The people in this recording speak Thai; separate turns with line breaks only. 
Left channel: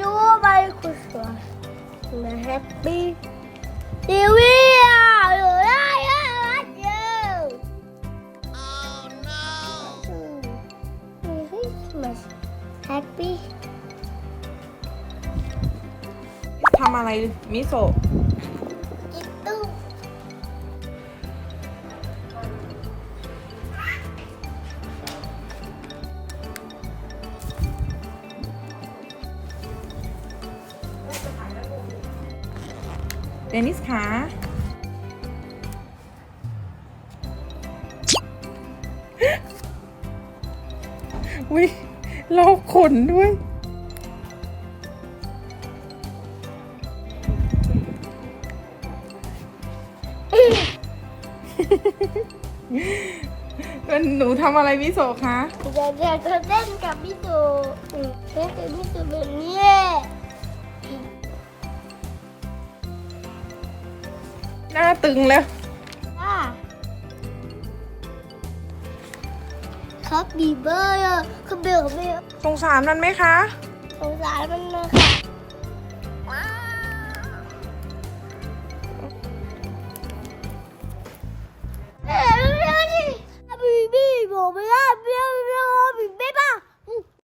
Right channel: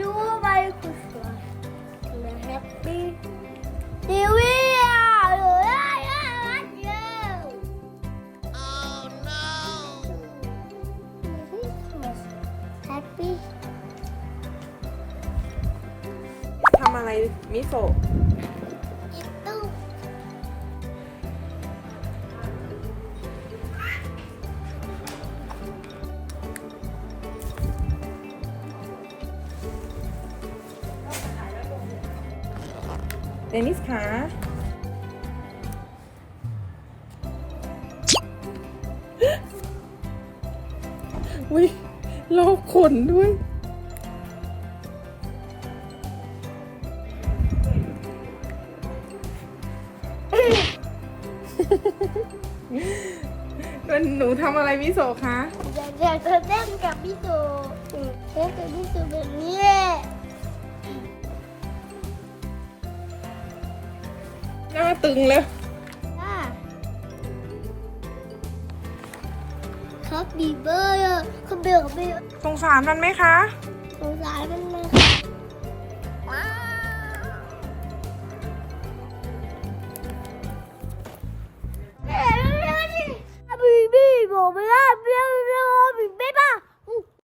your very Christmas and a happy New Year. Oh, no. Christmas. Happy.
ทำอะไรมิโซะ เดนิสขาวิลอกขนด้วยเป็นหนูทำอะไรมิโซะคะ
อยากอยากจะเล่นกับพี่ตูอืมเล่นกับพี่ตูแบบนี้
ตึงเลย
ครับบีเบอร์คือเบลกับเบล
สงสารมันไหมคะ
สงสารมันนะบีบีบอกไม่ได้